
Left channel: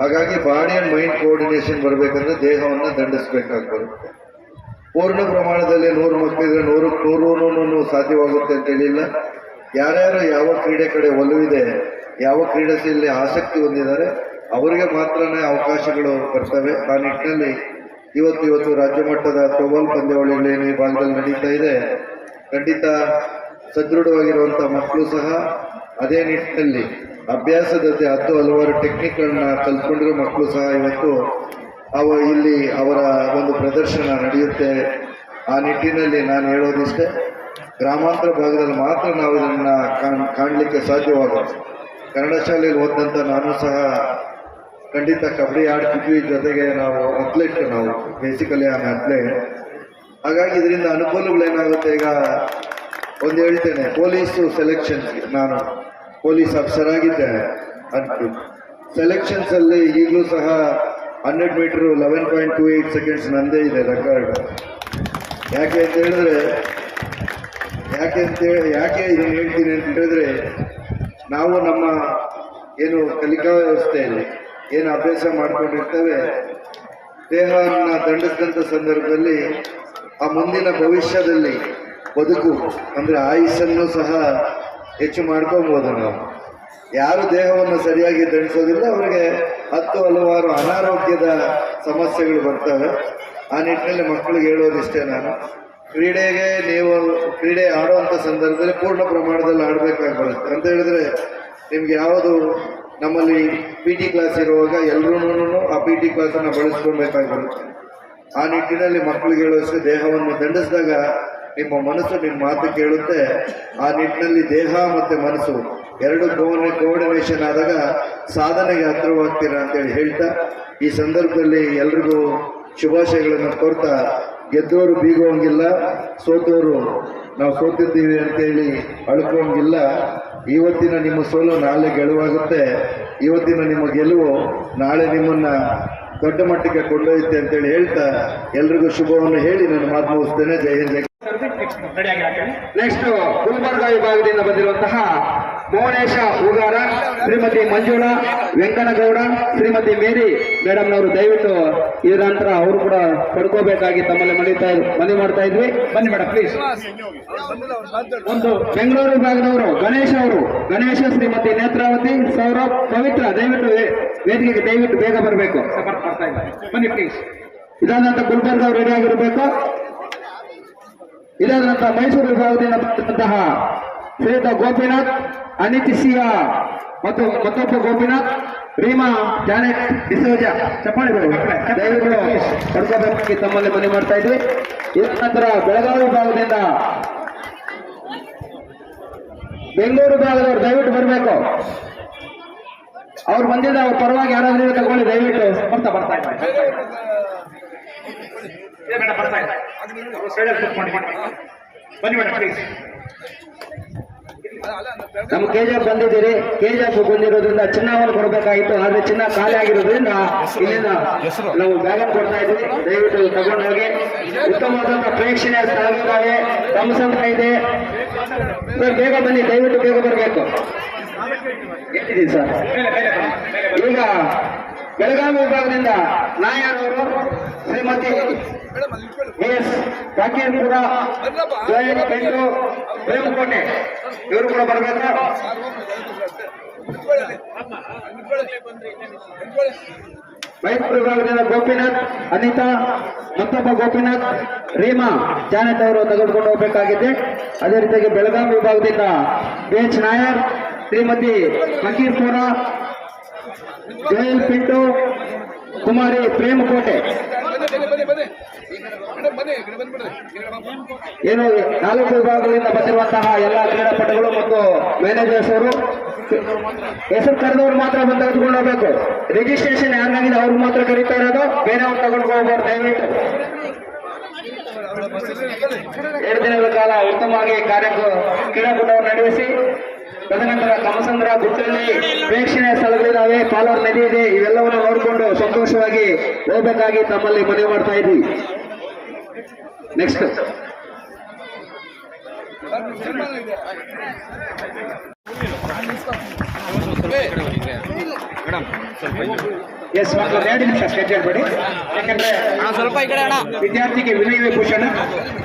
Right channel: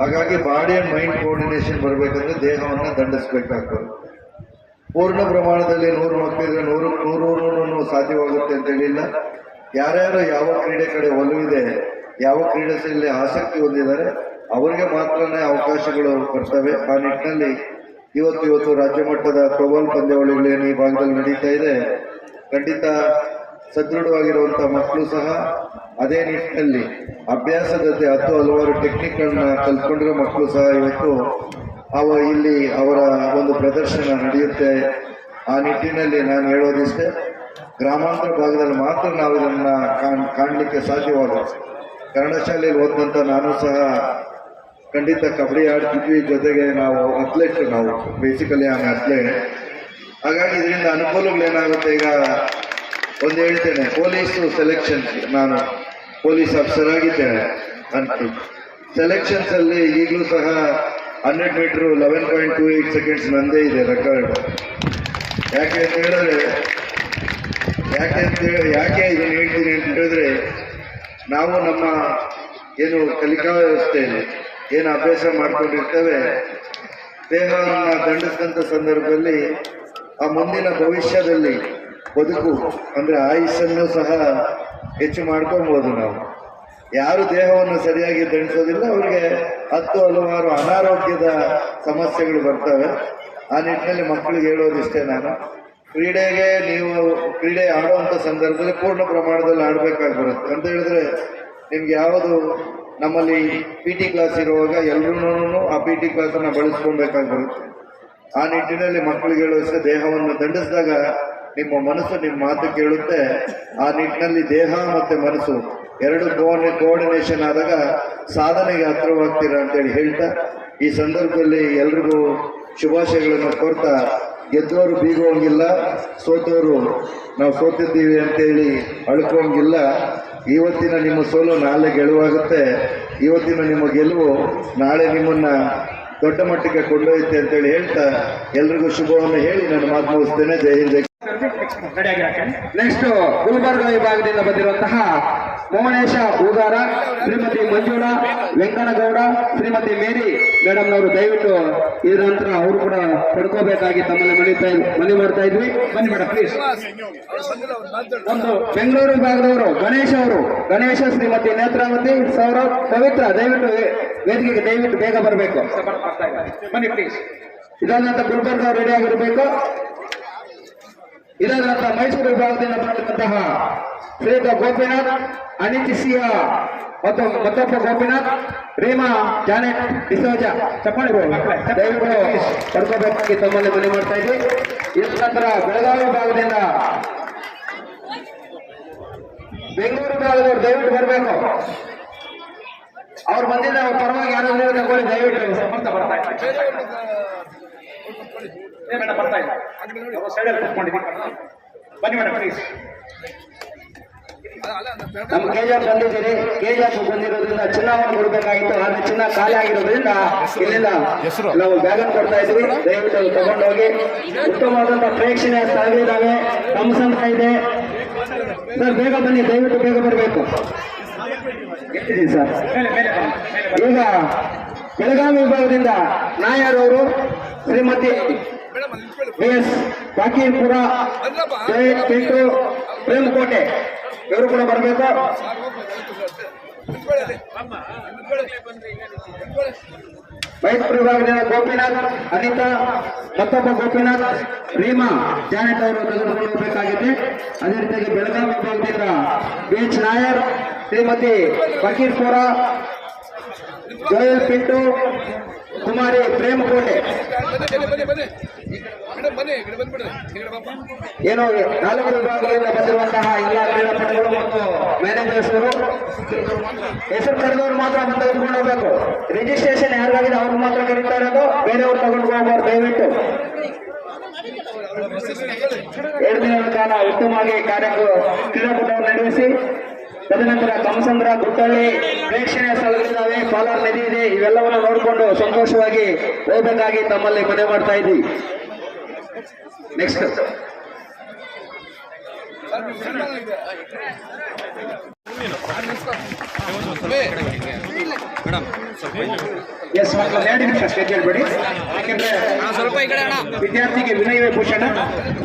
ಹಾಗಾಗಿ ಬಾಡಿ ಆ್ಯಂಡ್ ಮೈಂಡ್ ಕೋಆರ್ಡಿನೇಷನ್ ಬರಬೇಕಂದ್ರೆ ದೇಹವನ್ನು ದಂಡಿಸಬೇಕಾಗ್ತದೆ. ಪೂರ್ಣ ಪ್ರಮಾಣದಲ್ಲಿ 100 ಮಕ್ಕಳಿಗೆ 100 ಸಾಧ್ಯವಾಗುತ್ತೆ ಅಂತೇಳಿಲ್ಲ. ಯಾರ್ಯಾರು ಯಾವ ಕ್ರೀಡೆ ಕಡೆ ಒಲವಿದೆ, ಯಾವ ಕ್ರೀಡೆಯಲ್ಲಿ ಆಸಕ್ತಿ ಹೊಂದಿದ್ದಾರೆ ಅವರಿಗೆ ಮಾತ್ರನೇ ಅವಕಾಶಗಳು ಬರ್ತವೆ. ಆ ನಿಟ್ಟಿನಲ್ಲಿ ಇವತ್ತು ರಾಜ್ಯ ಮಟ್ಟದ ಥ್ರೋಬಾಲ್ ಪಂದ್ಯಾವಳಿಗಳು ಏನು ಈ ಭಾಗದಲ್ಲಿ ನಡೀತಾ ಇದೆ, ಖಂಡಿತ ಸದೃಢವಾಗಿರುವಂಥ ಮಕ್ಕಳು ಸಹ ಅದೇ ನಿಟ್ಟಿನಲ್ಲಿ ಅಭ್ಯಾಸದ ಜೊತೆ ಹಲವಾರು ಟೆಕ್ನಿಕ್ಗಳನ್ನ ಕಲ್ತ್ಕೊಂಡಿರೋ ಮಕ್ಕಳು ಸಹ ಇವತ್ತು ಇಲ್ಲಿ ಅವರ ಒಂದು ಪ್ರದರ್ಶನ ನಡೆಯುತ್ತೆ. ಆ ನಿಟ್ಟಿನಲ್ಲಿ ನಾನು ಹೇಳೋದಿಷ್ಟೇ, ಗ್ರಾಮಾಂತರ ಭಾಗದಲ್ಲಿ ಮಾತ್ರ ನಾವು ಇದನ್ನು ಕಾಣಲಿಕ್ಕೆ ಸಾಧ್ಯವಾದ. ಕನ್ನಡ ಶಾಲೆಯಲ್ಲಿ ಓದಿದಂಥ ನಾನು ಸಹ ಖಂಡಿತ ಕಬಡ್ಡಿ ಆಡ್ತಿದ್ವಿ, ಜೊತೆಗೆ ನಾವು ಅಥ್ಲೆಟ್, ನಾವು ಬೇಸಿಕಲಿ ಆನ್ ಅಥ್ಲೆಟ್. ಹಾಗಾಗಿ ಇದರಿಂದ ಅನುಕೂಲಗಳೇನಾಗುತ್ತೆ, ಈಗ ಒಂದು ಹೇಳ್ತೇನೆ, ಪೊಲೀಸು ಸೆಲೆಕ್ಷನ್, ನಾನು ಪೊಲೀಸ್ ಆಫೀಸರ್ ಆಗಿದ್ದೇನೆ ಅಂತ ಸೆಲೆಕ್ಷನ್ಸಲ್ಲಿ ಈಗಲೂ ಸಹ 100 ಮೀಟ್ರು 11.28 ಸೆಕೆಂಡ್ಸ್ ನಂದೇ ಇದೆ ರೆಕಾರ್ಡ್. ಯಾಕೆ ಇದನ್ನು ಹೇಳ್ತೀನಿ ಅಂತ ಹೇಳಿದ್ರೆ, ನಾವು ನಮ್ಮ ಏನು ಕಲಿಕಾ ವ್ಯವಸ್ಥೆಯಲ್ಲಿ ಏನು ಅಭ್ಯಾಸ ಮಾಡ್ಕೊಂಡಿರ್ತೇವೆ, ದೇಹವನ್ನು ದಂಡಿಸಿದಂಥ ಸಂದರ್ಭದಲ್ಲಿ ಆ ಮುಂದಿನ ಭವಿಷ್ಯದಲ್ಲಿ ಬದುಕು ಅಂದರೆ ಆಯುಷನ್ನು ಸಹ ಹೆಚ್ಚು ಮಾಡ್ಕೊಬೋದು. ನಾವು ಯಾರು ದೇಹವನ್ನು ಸರಿಯಾಗಿ ದಂಡಿಸೋದಿಲ್ಲ ಅವರಿಗೆ ಹಲವಾರು ಅನಾರೋಗ್ಯದ ಸಮಸ್ಯೆಗಳು ಬರ್ತವೆ. ಆ ನಿಟ್ಟಿನಲ್ಲಿ ಮಕ್ಕಳಿಗೆ ಹೇಳೋದಿಷ್ಟೇ, ನಾನು ಕ್ರೀಡೆ ಆಡುವಂಥ ಸಂದರ್ಭದಲ್ಲಿ ಪೂರ್ಣ ಪ್ರಮಾಣದಲ್ಲಿ ಆಡಬೇಕಾಗಿ ಬರುತ್ತೆ. ಅಂತ ಹೇಳಿದ್ರೆ ನಿಮ್ಗೆ ಯಾವುದು ನಮ್ಮಲ್ಲಿ PT ಕ್ಲಾಸ್ ಇರುವಾಗ ಎಲ್ಲರೂ ಆ PT ಕ್ಲಾಸನ್ನು ಬಳಸ್ಕೊಳ್ಬೇಕಾಗಿ ಬರುತ್ತೆ. ಆ ನಿಟ್ಟಿನಲ್ಲಿ ಮಕ್ಕಳಿಗೆ ಹೇಳೋಷ್ಟೇ, ದೇಹವನ್ನು ದಂಡಿಸಿದಾಗ ನಿಮ್ಮ ಮನಸ್ಸು ನಿಮ್ಮ ಮಾತು ಕೇಳುತ್ತೆ. ಆ ನಿಟ್ಟಿನಲ್ಲಿ ದೇಹ ಮತ್ತು ಮನಸ್ಸು ಎರಡು ಕೋಆರ್ಡಿನೇಷನ್ ಆದಾಗ ಸಾಧನೆಗೆ ಹತ್ತಿರವಾಗ್ತೀರಾ ಅಂತೇಳಿ ಹೇಳ್ತಾ, ಈ ಸಂದರ್ಭದಲ್ಲಿ ಎಲ್ರಿಗೂ ಶುಭಾಶಯಗಳನ್ನು ಕೋರ್ತಾ, ಗೆದ್ದವರು ಬೀಗುವಂಗಿಲ್ಲ, ಸೋತವರು ನಾವು ಸೋತಿದ್ದೀವಿ ಅಂತೇಳಿ ಅಳ್ಕೋಂಗಿಲ್ಲ. ಇವತ್ತಿನ ನಿಮ್ಮ ಸೋಲು ನಾಳೆ ಗೆಲುವಾಗುತ್ತೆ, ಇವತ್ತಿನ ನಿಮ್ಮ ಗೆಲುವು ನಾಳೆ ನಿಮ್ಮನ್ನು ದೊಡ್ಡ ಮಟ್ಟಕ್ಕೆ ಕೊಂಡೊಯ್ಯುತ್ತೆ ಅಂತೇಳಿ ಹೇಳ್ತಾ ಎಲ್ರಿಗೂ ಶುಭವನ್ನು ಹೇಳಿ ನನ್ನ ಮಾತು ಮುಗಿಸ್ತೇನೆ. ಜೈ ಹಿಂದ್. ನೆಕ್ಸ್ಟ್ ಗುಲ್ಬರ್ಗ ವಿಭಾಗದಿಂದ ಬಂದಿರುವಂತಹ ಮೋಹನೇಶ ಹೂಗಾರ, ಶ್ರೀಮತಿ ಮಂಜುಳಾ ವೆಂಕನಗೌಡ, ಶ್ರೀಮತಿ ಮೇರಿ ಮೇಡಮ್ನವರು ದಯವಿಟ್ಟು ಇದರ ನಂತರ ಅವರು ಕೂಡ ಪಡ್ಕೋಬೇಕಾಗಿ ತಮ್ಮಲ್ಲಿ ಮನವಿ ಮಾಡ್ತಾ ಇದ್ವಿ. ಬನ್ನಿ ಮೇಡಮ್ ಪ್ಲೀಸ್. ಒಂದು ಬೆಂಗಳೂರು ವಿಭಾಗದವರು ಗಣೇಶ, ಶ್ರೀಮತಿ ನೇತ್ರಾವತಿ, ಸೌರಭ್, ಪವಿತ್ರ ದಯವಿಟ್ಟು ವೇದಿಕೆಗೆ ದಯವಿಟ್ಟು ಬೇಗ ಬರಬೇಕು. ಬನ್ನಿ ಪ್ಲೀಸ್. ಇದಾದ ನಂತರ ಗುಲ್ಬರ್ಗ ಅವರು ರೆಡಿ ಆಗಿರಬೇಕು. ಇದಾದ ನಂತರ ಮೈಸೂರು ವಿಭಾಗದಿಂದ ಬಂದಂತಹ ಶ್ರೀಯುತ ಗೋಪಿನಾಥ್, ಅನಿತಿಸಿಯಾ ಮತ್ತು ಮತ್ತೊಬ್ಬ ಗೋಪಿನಾಥ್, ರೀಮಾ ಜಾನೆಟ್ ಡಿಸೋಜಾ, ಚಪ್ಪಾಳೆಗಳು ದಯವಿಟ್ಟು ಪಡ್ಕೋಬೇಕಾಗಿ ತಮ್ಮಲ್ಲಿ ಮನವಿ ಮಾಡ್ತಾ ಇದ್ವಿ. ಇದಾದ ನಂತರ ಬೆಳಗಾವಿ ವಿಭಾಗದಿಂದ ಬೆಂಗಳೂರು ವಿಭಾಗದವರು ದಯವಿಟ್ಟು ಬರಬೇಕು. ಅವ್ರು ಬಂದಿದ್ದ ಅವ್ರ ಪರವಾಗಿ ಯಾರಾದ್ರೂ ತಗೊಳ್ಳಿ ದಯವಿಟ್ಟು. ಬರ್ತಾ ನಮ್ಮ ಕೆಜಾಪ್ ಬಂದಿದ್ದೀರಿ. ಕೆಜಾಪ್ ಬಂದಿರೋದ್ರಿಂದ ಚಿನ್ನವನ್ನು ಕೊಡಬೇಕಾಗಿತ್ತು, ಆದ್ರೆ ಚಿನ್ನ ಖಾಲಿ ಆಗಿರೋದ್ರಿಂದ ಇಲ್ಲಿಂದ ನಾವು ಬ್ಯಾಗ್ ಕೊಡ್ತಾ ಇದ್ವಿ. ದಯವಿಟ್ಟು ತಗೊಂಡೋಗಿ. ಉತ್ತಮವಾದಂತಹ ಪ್ರೇಕ್ಷಣೀಯ ಸ್ಥಳಗಳಿದ್ದಾವೆ, ತಮ್ಮಸಂದ್ರ ಇದೆ ಸರ್, ಬೇಗ ಬನ್ನಿ, ದಯವಿಟ್ಟು ಬೇಗ ಬರಬೇಕು. ಎಷ್ಟಿದ್ದೀನಿ ಸರ್. ಈಗ ಬೆಳಗಾವಿ ವಿಭಾಗದಿಂದ ನಾಯರ್ ಅವರು, ಶ್ರೀಮತಿ ಎಸ್ ಕಾಕೇಪುರ, ಪೆಂಟು, ಪ್ರೇಮಕೋಟೆ ಇವರು ಕೂಡ ಬರಬೇಕು. ಮೈಸೂರು ವಿಭಾಗದಿಂದ ಗೋಪಿನಾಥ್, ಅನಿತಾ, ಮತ್ತೊಬ್ಬ ಗೋಪಿನಾಥ್, ರೀಮಾ ಜಾನೆಟ್ ಅವರು ತೆಗೆದುಕೊಂಡು ಹೋಗಬೇಕಾಗಿದೆ. ಅದೇ ರೀತಿಯಾಗಿ ಬೆಳಗಾವಿ ವಿಭಾಗದಿಂದ BH ನಾಯರ್, ಶ್ರೀಮತಿ ಫಕೀರ್ಪುರ, ಜೋಯಲ್ ಪಿಂಟು, ಕುಮಾರಿ ಪ್ರೇಮಕೋಟೆ. ಏನು 4 ವಿಭಾಗಗಳಿಂದ ಬಂದಿರುವಂತಹ ಎಲ್ಲ ಕ್ರೀಡಾಪಟುಗಳು ಮತ್ತು ಮ್ಯಾನೇಜರ್ಸ್ ಅವರು ಹೆಸರು ಕರೆದವರು ಮಾತ್ರ ಬಂದು ತೆಗೆದುಕೊಂಡು ಹೋಗಬೇಕು. ರಿಜಿಸ್ಟ್ರೇಷನ್ ಯಾರಿಗಾಗಿದೆ ಅವ್ರು ಮಾತ್ರ ಕರೀತಾ ಇರೋದು, ಬೇರೆಯವ್ರು ತಗೊಂಡು ಹೋಗ್ಬಾರ್ದು ದಯವಿಟ್ಟು. ಎರಡು ದಿನಗಳ ಕಾಲ ಉತ್ತಮವಾಗಿ ಕ್ರೀಡಾಕೂಟವನ್ನು ನಡೆಸಿ ತದನಂತರ ಕಮಸಂದ್ರ ಗುಟ್ಟಳ್ಳಿ ಪ್ರೇಕ್ಷಣೀಯ ಸ್ಥಳಗಳಿದ್ದಾವೆ, ಪಾಲಾರ್ ನದಿ ಇದೆ. ಇವೆಲ್ಲವನ್ನು ನೋಡಿಕೊಂಡು ಸಂತೋಷವಾಗಿ ಹೋಗಬೇಕಾಗಿ ತಮ್ಮಲ್ಲಿ ಮನವಿ ಮಾಡ್ತಾ ಇದ್ದೀವಿ. ನೆಕ್ಸ್ಟ್ ಎಸ್, ಒಂದು 2 ನಿಮಿಷ ಸ್ಟೇಜ್ ಹೇಳ್ಬೇಡಿ. ಯಾಕಂದ್ರೆ ವಿದ್ಯಾರ್ಥಿಗೆ ವಿನಯವೇ ಭೂಷಣ,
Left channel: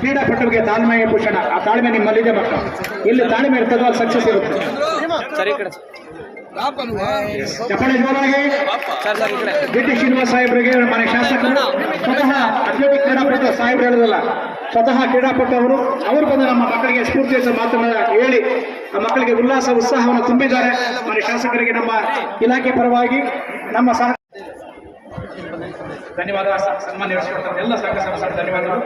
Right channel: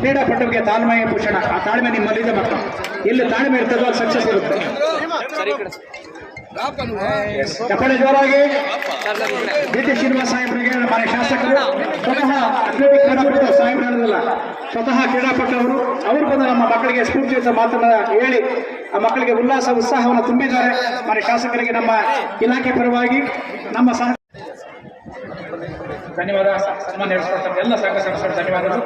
ಕ್ರೀಡಾಪಟುವಿಗೆ ತಾಳ್ಮೆಯ ಭೂಷಣ. ಆ ತಾಳ್ಮೆ ನಿಮ್ಮಲ್ಲಿದೆ ಮಕ್ಕಳು. ಇಲ್ಲಿ ತಾಳ್ಮೆ ಇರ್ತದೆ, ಅದು ಸಕ್ಸಸ್ ಇರುತ್ತೆ. ಕಪಡೆ ಜೋರಾಗಿ ಡಿ ಶ್ರೀನಿವಾಸ ಸಾಹೇಬ್ರಿಗೆ, ಮನೆ ಶಾಸಕರು, ಸ್ವತಃ ಅಥ್ಲೆಟಿಕ್ ಕ್ರೀಡಾಪಟು ಸಾಹೇಬ್ರು ಹೇಳೋದಲ್ಲ, ಸ್ವತಃ ಕ್ರೀಡಾಪಟು ಅವರು ಬಂದು ನಮ್ಮ ಮಕ್ಕಳಿಗೆ ಸ್ಫೂರ್ತಿಯ ಮಾತನ್ನು ಹೇಳಿ ಆ ಮಕ್ಕಳಿಗೆ ಉಲ್ಲಾಸ ಉತ್ಸಾಹವನ್ನು ತುಂಬಿದ್ದಾರೆ. ಮನೆ ಶಾಸಕರಿಗೆ ನಮ್ಮ ಇಲಾಖೆ ಪರವಾಗಿ ನಮ್ಮ ಸಹ ಧನ್ಯವಾದ. ಸನ್ಮಾನ್ಯ ಎಲ್ಲ ಸಂಘ ಸದಸ್ಯರು ಧನ್ಯವಾದಗಳು.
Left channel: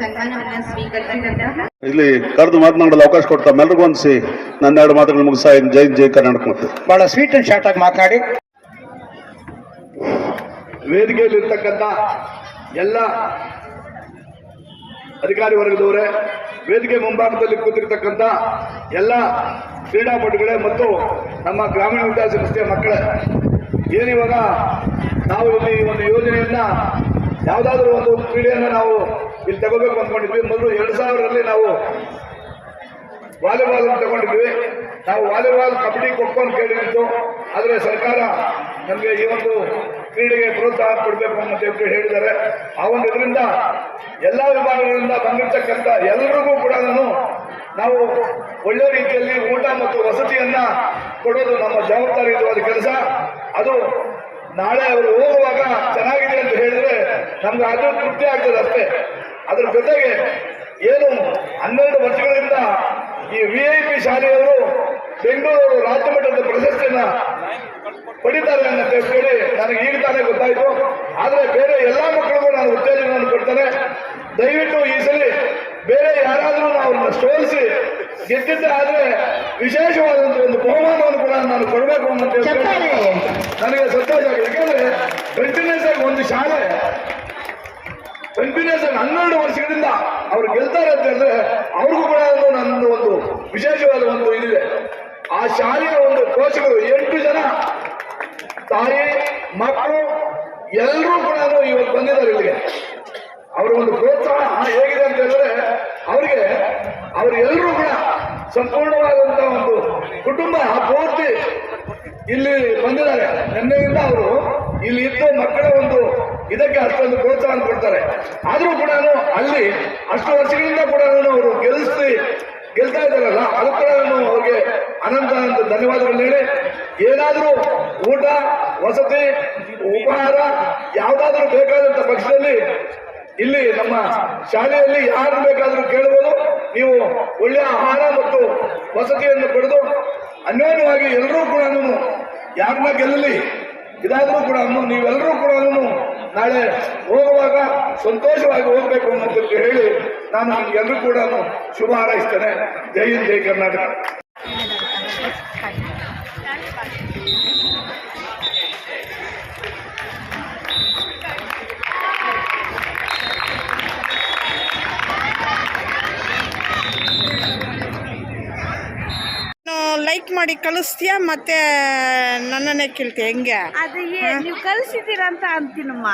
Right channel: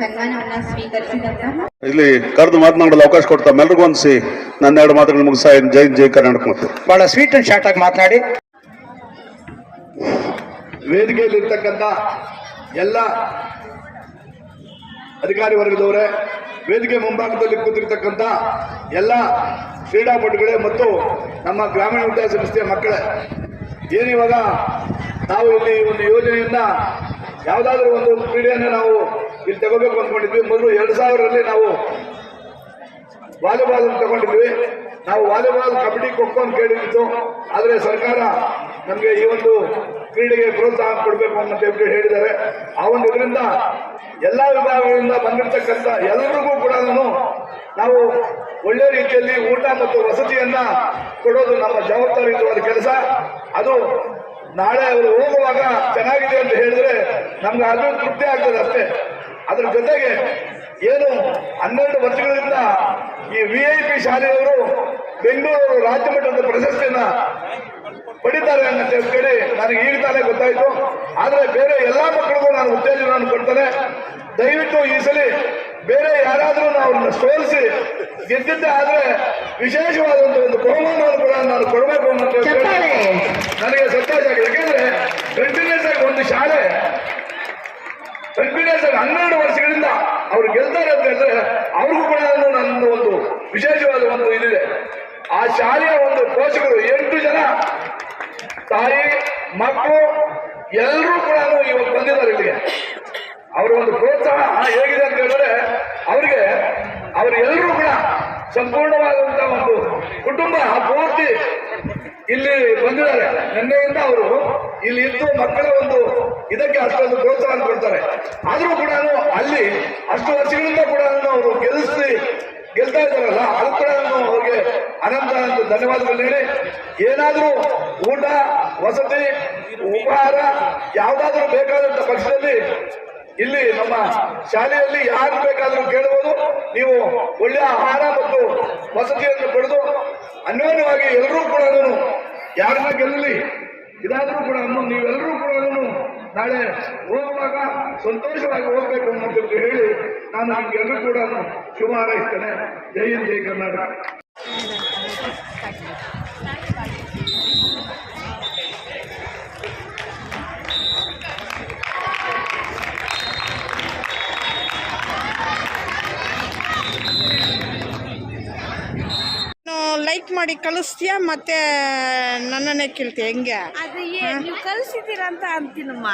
ಸನ್ಮಾನವನ್ನು ಸ್ವೀಕರಿಸಿದಂತಹ ಇಲ್ಲಿ ಕರೆದು ಮಾತನಾಡಲು ಅವಕಾಶ ಕೊಡ್ತಾ ಎಲ್ಲರಿಗೂ ಹೊಂದಿಸಿ ನನ್ನ 2 ಮಾತುಗಳು ಮುಗಿಸ್ತಾ ಇದ್ದೀನಿ. ಜೈ ಕರ್ನಾಟಕ ಮತ್ತು ಬಹಳ ಸ್ವೀಟ್ ಅಂಡ್ ಶಾರ್ಟ್ ಆಗಿ ಮಾತನಾಡಿ. ವೇದಿಕೆಯಲ್ಲಿರ್ತಕ್ಕಂಥ ಎಲ್ಲ ಅಧಿಕಾರಿ ವರ್ಗದವರೇ, ವೇದಿಕೆ ಮುಂಭಾಗದಲ್ಲಿ ಕೂತಿರ್ತಕ್ಕಂಥ ಎಲ್ಲ ಕ್ರೀಡಾಪಟುಗಳೇ ಮತ್ತು ನಮ್ಮ ಗ್ರಾಮೀಣ ವಿಕಾಸ ಸಂಸ್ಥೆಯ ಮಕ್ಕಳೇ, ಏನಿವಾಗ ನಾವು ಇಲ್ಲಿ ಒಂದು ಯೋಜನೆಯನ್ನ ಯಾವುದಾದ್ರೂ ಒಂದು ಕ್ರೀಡೆಯನ್ನು ನಾವು ಇಲ್ಲಿ ತಗೋಬೇಕು ಅಂದ್ಕೊಂಡಿದ್ವಿ. ಮೊದಲು 2000ರಲ್ಲಿ ನಾವು ವಾಲಿಬಾಲ್ ತಗೊಂಡಿದ್ವಿ. ನಾವು ವಾಲಿಬಾಲ್, ಕಬಡ್ಡಿ, ಖೋಖೋ ಅಂತ ಕೇಳಿತ್ತು. ಆದರೆ ಸರ್ಕಾರ ನಮಗೆ ಈ ಒಂದು ಕ್ರೀಡೆಗೆ ಪ್ರೋತ್ಸಾಹ ಕೊಡಬೇಕು ಅಂತ ಹೇಳಿದ್ದಾರೆ. ಆ ಒಂದು ಇದರಿಂದ ಎಲ್ಲ ವಿಭಾಗಗಳಿಂದ ಬಂದಿರತಕ್ಕಂಥ ಎಲ್ಲರಿಗೂ ಕೂಡ ನಾವು ಒಳ್ಳೆ ರೀತಿಯಲ್ಲಿ ಊಟ ಮತ್ತು ವಸತಿಯನ್ನ ಕೊಡೋದು ನಮ್ಮ ಜವಾಬ್ದಾರಿಯುತವಾದ ಕೆಲಸ. ಅದು ನಾಳೆ ಅವರು ಹೋಗುವಾಗ ಚೆನ್ನಾಗಿದೆ ಅಂತ ಹೇಳಿದ್ರೆ ನಮ್ಗೆ ಅದು ತೃಪ್ತಿ ಆಗ್ತದೆ ಅಷ್ಟೇ. ಅದರ ಜೊತೆಗೆ ಏನು 12 ವರ್ಷಗಳಿಂದ ಈ VIP ಶಾಲೆಯವರು ಬೆಂಗಳೂರು ರಾಜ್ಯ ಮಟ್ಟದ ಪ್ರಶಸ್ತಿಯನ್ನ ಪಡಿತಾರೆ ಅಂತ ಹೇಳಿ ನನಗೆ ಈಗ ತಾನೇ ಗೊತ್ತಾಯ್ತು. ಆದರೆ ಬೇರೆ ಎಲ್ಲಾ ಮಕ್ಕಳಿಗೂ ನಾನು ಉತ್ತೇಜನವನ್ನು ಕೊಡ್ತೇನೆ. ದಯವಿಟ್ಟು ಈ ಸಲ ಬೇರೆ ಯಾರಾದರೂ ಅವ್ರನ್ನ ಸೋಲಿಸಿ ಗೆದ್ದಿದ್ದೆ ಆದ್ರೆ ವಿಶೇಷವಾದಂತ ಒಂದು ಬಹುಮಾನವನ್ನು ಕೂಡ ನಾನು ಕೊಡಬೇಕು ಅಂತ ನನಗೆ ಸಂತೋಷ ಆಗಿದೆ. ಯಾಕೆಂದ್ರೆ ಕಂಟಿನ್ಯೂಸ್ ಆಗಿ ಒಂದು ಶಾಲೆ ಕಂಟಿನ್ಯೂಸ್ ಆಗಿ 12 ವರ್ಷಗಳಿಂದ ಅವ್ರು ಗೆಲ್ತಾರೆ ಅಂತ ಹೇಳಿದ್ರೆ ಅವ್ರಿಗೂ ಕೂಡ ನನ್ನೊಂದು ಒಂದು ವಿಶೇಷವಾದ ಒಂದು ಇದಿದೆ. ಆ ಶಾಲೆಯ ಒಂದು ಕೋಚಗಳು 8 ಜನ ತಾಯಿ ಮಕ್ಕಳು ಎಲ್ಲರೂ ಕೂಡ ಇವತ್ತು ಬಂದಿದ್ದಾರೆ ಇಲ್ಲಿಗೆ. ಅವರ ಒಂದು ಪ್ರೋತ್ಸಾಹ ಹೇಗಿದೆ ಅಂತ ಹೇಳಿದ್ರೆ ಅವರೆಲ್ಲರೂ ಕೂಡ ಸಂಪೂರ್ಣವಾದಂತಹ ಒಂದು ಕುಟುಂಬ ಪೂರ್ತಿ ಇಲ್ಲಿ ಬಂದಿದ್ದಾರೆ. ನಿನ್ನೆಯಿಂದ ಅವರು ಇಲ್ಲಿ ಇದ್ದು ಮಕ್ಕಳ ಒಂದು ಇದಕ್ಕೆ ಅಷ್ಟೊಂದು ಪ್ರೋತ್ಸಾಹ ಕೊಡ್ತಾರೆ. ಆದರೂ ಕೂಡ ಅಲ್ಲಿ ಅಷ್ಟು ವರ್ಷಗಳಿಂದ ಕೂಡ ಅವರು ಗೆಲ್ತಾ ಇದ್ದಾರಲ್ಲ, ಅದು ಕೂಡ ಅವ್ರಿಗೆ ಅನಂತ ಧನ್ಯವಾದಗಳು ಹೇಳಿ, ಏನಾದರೂ ಊಟ ವಸತಿ ಉಪಹಾರ ಯಾವುದಾದ್ರೂ ಬೇಕಾದಂತ ಪಕ್ಷದಲ್ಲಿ ಇಲ್ಲಿ ನಮ್ಮ ಶಾಲೆಯಲ್ಲಿ ಯಾರು ಬೇಕಾದರೂ ಕೇಳಬಹುದು. ನೀವು ಒಳ್ಳೆಯ ಆಹಾರ ಮತ್ತು ವಸತಿಯನ್ನು ಪಡೆದು ಅನ್ಯೋನ್ಯವಾಗಿ ಎಲ್ಲರೂ ಕೂಡ ಯಾರನ್ನ ಗೆಲ್ಲಲಿ, ಇದಾದ್ರೂ ಕೂಡ ನೀವೆಲ್ಲರೂ ಕೂಡ ನಾಳೆ ಹೋಗುವಾಗ ಸಂತೋಷವಾಗಿ ಹೋಗ್ಬೇಕು ಅಂತ ಹೇಳಿ ನಾನು ನಿಮ್ಗೆಲ್ಲರೂ ಕೂಡ ಶುಭ ಹಾರೈಸ್ತೇನೆ. ಜೈ ಹಿಂದ್, ಜೈ ಕರ್ನಾಟಕ. ಲೈಕ್ ಮಾಡಿ ಕಳಿಸ್ತೀಯಾ ಮತ್ತೆ ನನ್ನನ್ನೇ ಕೇಳ್ತೀಯ ಹೆಂಗೆ? ಅದು ನೀವು ಕಳಿಸಿದ್ದೀರಾ ಅಂತ ಅಂತೀನಮ್ಮ.